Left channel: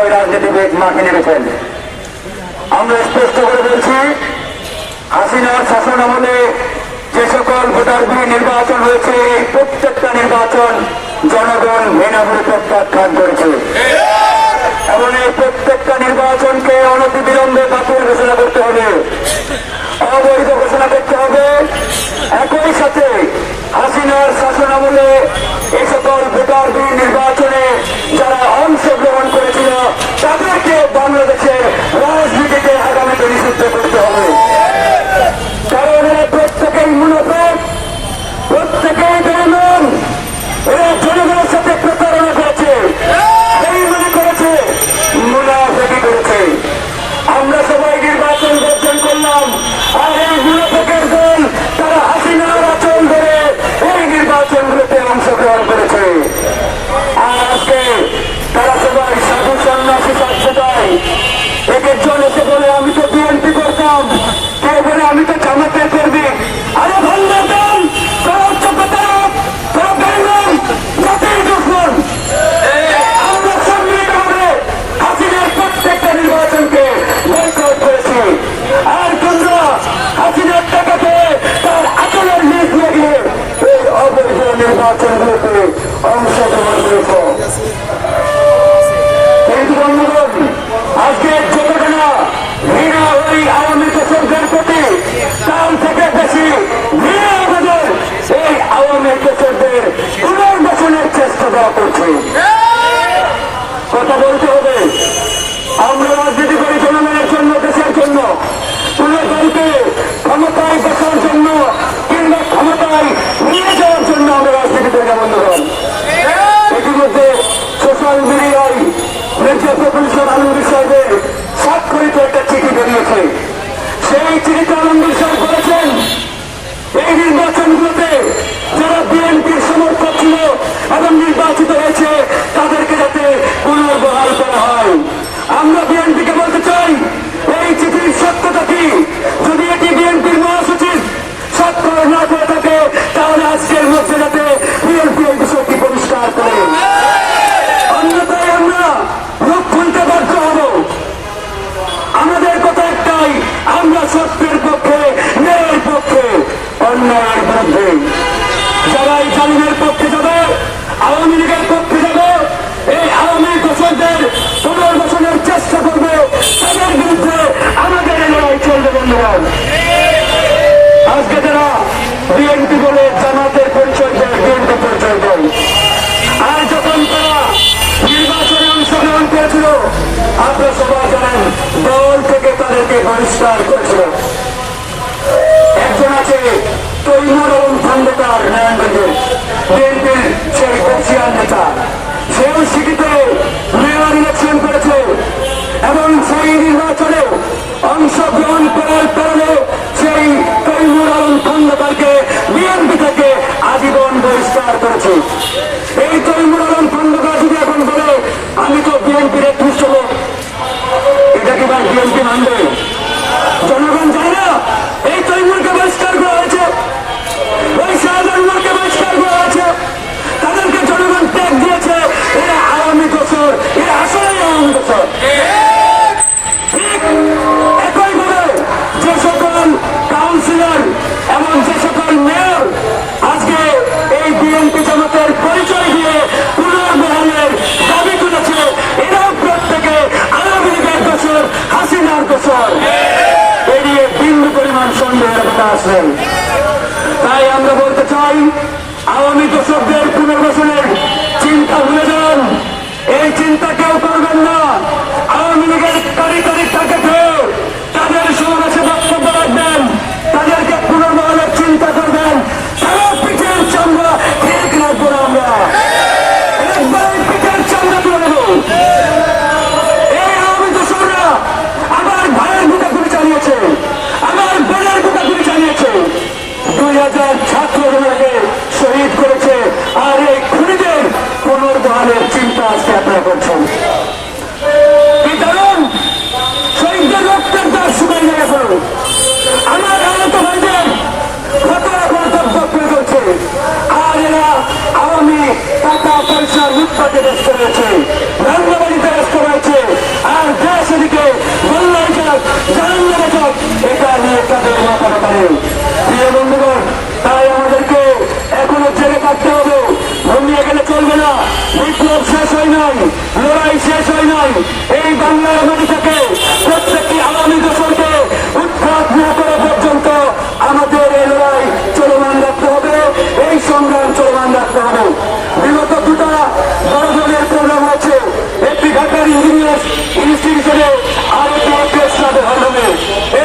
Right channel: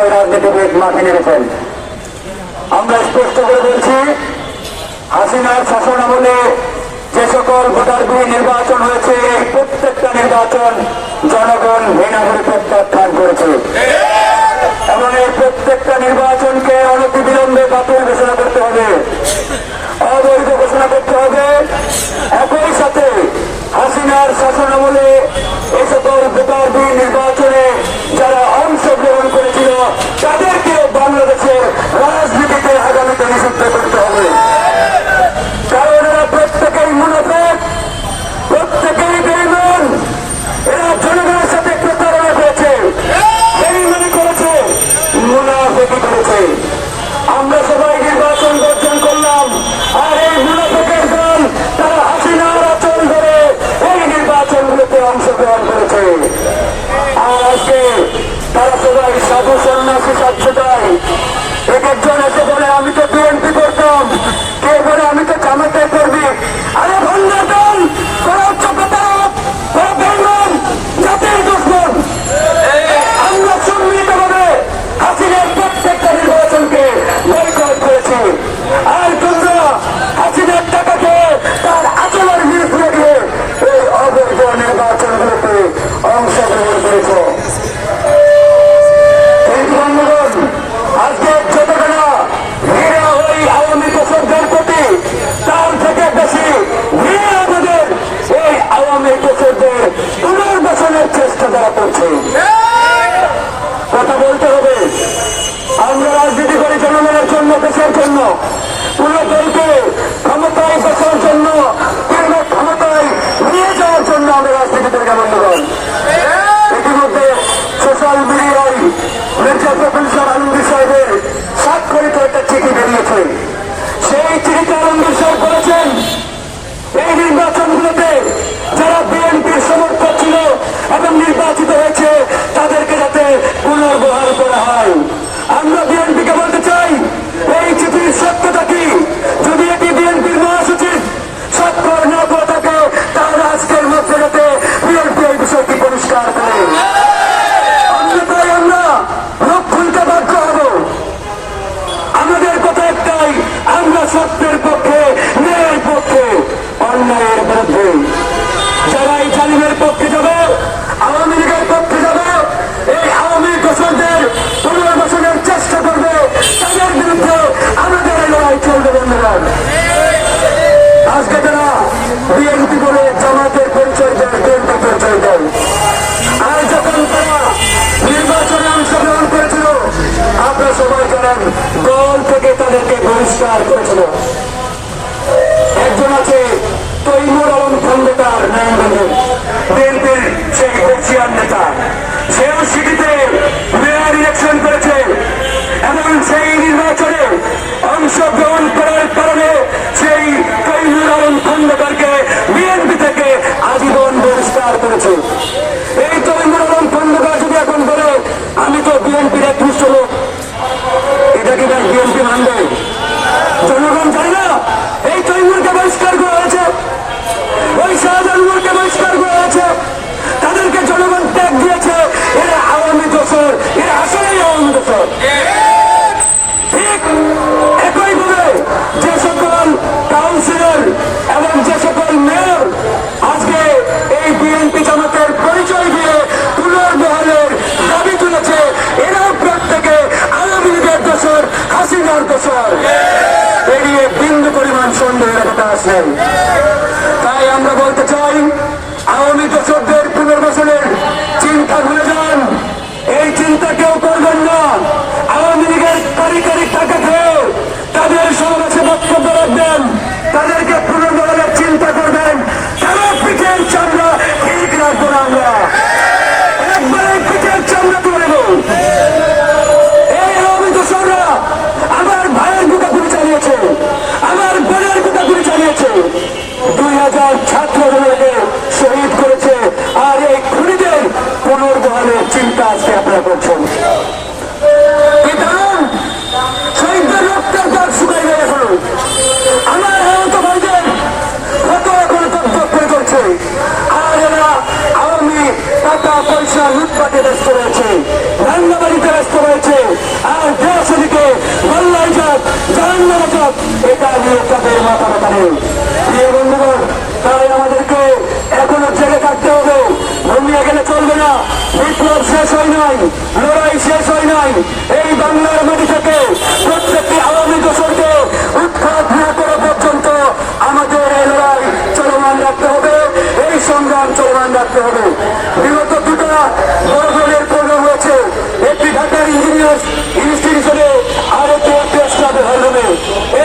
কতিপয় রাজনীতিবিদ মাঠে নেমেছেন। আমরা স্পষ্ট করে বলছি, হাসিনার শাসন আমলে যে সকল ভোটার বিহীন নির্বাচন হয়েছে, এই প্রত্যেকটা নির্বাচন জনগণ ঘৃণাভরে প্রত্যাখ্যান করেছে এবং এই প্রত্যেকটা নির্বাচনকে অনতিবিলম্বে বাতিল ঘোষণা করতে হবে, অবৈধ ঘোষণা করতে হবে। একই সাথে হাসিনার শাসন আমলে এই সকল ভোটার বিহীন নির্বাচনে যারা অংশগ্রহণ করেছিল তাদেরকেও বাংলাদেশের রাজনীতিতে আগামীতে নিষিদ্ধ করতে হবে। কারণ এরা প্রত্যেকেই মুনাফিক, প্রত্যেকেই বেঈমান। এরা জনগণের সাথে প্রতারণা করেছে, বেঈমানি করেছে, মুনাফিকি করেছে। আমরা সবাই নির্বাচন বর্জন করলাম, আর এই মুনাফিকের দল তারা হাসিনার আচরণ করে এই নির্বাচনগুলোতে অংশগ্রহণ করেছে। আর আজকে তারা সবাই সাধু সন্ন্যাসী সাক্ষাৎ এক একজন এসে বলে আমি তো বিএনপি করতাম, কেউ বলে আমি তো জামাতে করবি। আরে ভাঙ্গা দল, তারা হচ্ছে প্রতারক, তারা বেঈমান, জাতির দুশমন। আমরা সম্মিলিতভাবে হাসিনার প্রত্যেকটা নির্বাচনকে বয়কট করেছি। আর তোমরা হাসিনার টাকাতে তার আচরণ নিয়ে গিয়ে এই অবৈধ নির্বাচনগুলোতে অংশগ্রহণ করেছে। আজকে যতটা ঘৃণা ওই আওয়ামী কৃষকদের প্রতি, তার থেকে বেশি ঘৃণা আমাদের এই আওয়ামী কৃষকদের পুনর্বাসনের চেষ্টা দেওয়া করছে। কথা বলতে হবে, আমরা রাজনীতি করি জনগণের জন্য, দেশের জন্য। কোন দলকে ক্ষমতায় বসার জন্য কিংবা ক্ষমতায় নিয়ে যাওয়ার জন্য আমরা রাজনীতি করি না বন্ধুগণ। ইতিমধ্যে সোশ্যাল মিডিয়ায় মির্জা ফখরুল আলমগীর সাহেবের স্বাক্ষরিত একটা চিঠি বেরিয়েছে। সেই চিঠিতে আলমগীর সাহেব বলেছেন এই নির্বাচনগুলোতে যারা বিএনপির সমর্থক ছিল এবং নির্বাচিত হয়েছে তাদেরকে যাতে পুনর্বহাল করা হয়। আমরা বিএনপিকে বলতে চাই, এই চিঠির সত্যতা কি? যদি এটি বিএনপির মহাসচিব স্বাক্ষর না করে থাকে তাহলে আজকের মধ্যে যাতে বিএনপি এই বিষয়টি পরিষ্কার করে। অন্যথায় আমরা রক্ষণকে বাধ্য হব। আমাদের কথা একটাই, আমরা সত্যের পক্ষে, ন্যায়ের পক্ষে, অন্যায়ের বিরুদ্ধে। যারা এই জালিমের পক্ষে যাবে, আওয়ামী লীগের পক্ষে যাবে, এই আওয়ামী কৃষকদের পুনর্বাসনের চেষ্টা করবে, তাদের বিরুদ্ধে আমাদের লড়াই চলবে বন্ধুগণ। আজকে যারা বিএনপি বলে জামাতের পরিচয় দেয়, বিএনপি পরিচয় দেয়, আর যখন তারা নির্বাচনে অংশগ্রহণ করেছিল আপনারা সবাই জানেন দল থেকে তাদেরকে বহিষ্কার করেছিল। একজন আছে তৈমুর আলম খন্দকার, নারায়ণগঞ্জের বিএনপির সেই বর্ষিয়ান নেতা, সেও সিটিতে মেয়র ইলেকশন করেছে এবং সেই নির্বাচনে অংশগ্রহণ করার কারণে সেই তৈমুর আলম খন্দকারকে বিএনপি থেকে আজীবন বহিষ্কার করেছে। এই তৈমুর আলম খন্দকার যদি এখন বলে আমি তো বিএনপির একত্রিশ লোক, এটা কি ভাই বিএনপি মানবে? জনগণ জানে না এই তৈমুরকে বহিষ্কার করা হয়েছে, ওই শাহজাহানকে বহিষ্কার করা হয়েছে, তাদেরকে জনগণ ত্যাগ দিয়েছে। এরা আওয়ামী দোসর, এরা আসলেই আওয়ামী দোসর। ঠিক একইভাবে যে সকল কাউন্সিলর এবং যে সকল মেয়র আজকে এই বিএনপি জামাতের পরিচয় দিয়ে পুনর্বহালের দাবি তুলেছে, এরাও প্রত্যেকে আওয়ামী লীগের দোসর, হাসিনার দোসর। এড়িয়ে বিন্দু পরিমাণ সন্দেহের কথা আসেন। তাই আমরা বলতে চাই, আওয়ামী দোসরদের পুনর্বাসনের চিন্তা ভুলে যান, এই চিন্তা কেউ করবেন না। আওয়ামী লীগের কারিগরি তাকে পেয়ে তাদের সমাবেশে বক্তব্য রাখবেন, তাদেরকে পুনর্বহালের চিন্তা করবেন, তারা পিঠের চামড়া ঠিক রাখবো না। আমরা একবারে পিঠের চামড়া তুলে দেব। এই আওয়ামী দোসররা আমার ভাইয়ের বুকে গুলি চালিয়েছে, আমার বোনের বুকে গুলি চালিয়েছে, 2000 ছাত্রগুলোকে শহীদ করেছে। আর এই খুনিদের পুনর্বহালের চিন্তা আজকে আপনারা করছেন। কি কারণ? শহীদদের রক্তের দাগ শুকাই যায় এখন। আমার আহত ভাইদের কত এখন তথ্য করছে, আর এরা আওয়ামী টাকা পয়সা লুটপাটে ব্যস্ত রয়েছে, রান্নাবাড়িতে ব্যস্ত রয়েছে। অনেক তাদের মাথা ব্যথা নেই। প্রিয় বন্ধুগণ, তাই আমাদেরকে এখনো জেগে থাকতে হবে। ঘুমিয়ে গেলে চলবে না। বিপ্লব শেষ হয় নাই, লড়াই শেষ হয় নাই। এই বাংলার মাটি থেকে প্রত্যেকটি আওয়ামী দোষরকে উৎখাত না করা পর্যন্ত আমাদের এই লড়াই চলমান রাখতে হবে, এই সংগ্রাম চলমান রাখতে হবে। বিগত দুটা বড় দলের প্রোগ্রাম হয়েছে, একটি ঢাকার ইঞ্জিনিয়ার্স ইনস্টিটিউশনে আর একটি প্রেস ক্লাবে হরমে।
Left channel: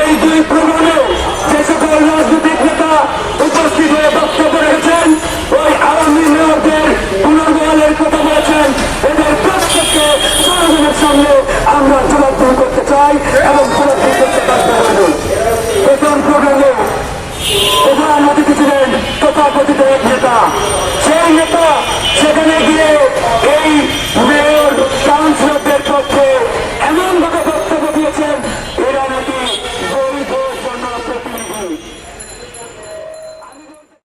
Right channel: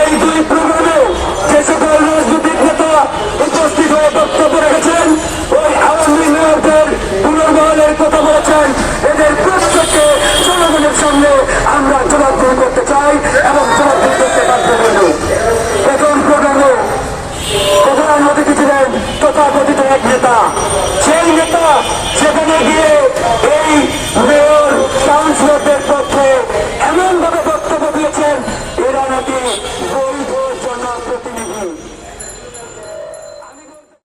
এই দুই প্রোগ্রামে যে সকল রাজনৈতিক নেতা উপস্থিত হয়ে বক্তব্য রেখেছেন, ওই আওয়ামী মেয়রদের পুনর্বহালের কথা বলেছেন, এদের প্রত্যেককে জনগণের সামনে আমরা জবাবদিহি করতে চাই এবং জবাবদিহি করতে বাধ্য করব। প্রথম প্রোগ্রামে প্রধান অতিথি ছিলেন তথাকথিত এক নেতা। সেই নেতা সেখানে গিয়ে এই মেয়র কাউন্সিলরদের পক্ষে এমনভাবে বক্তব্য দিয়েছেন,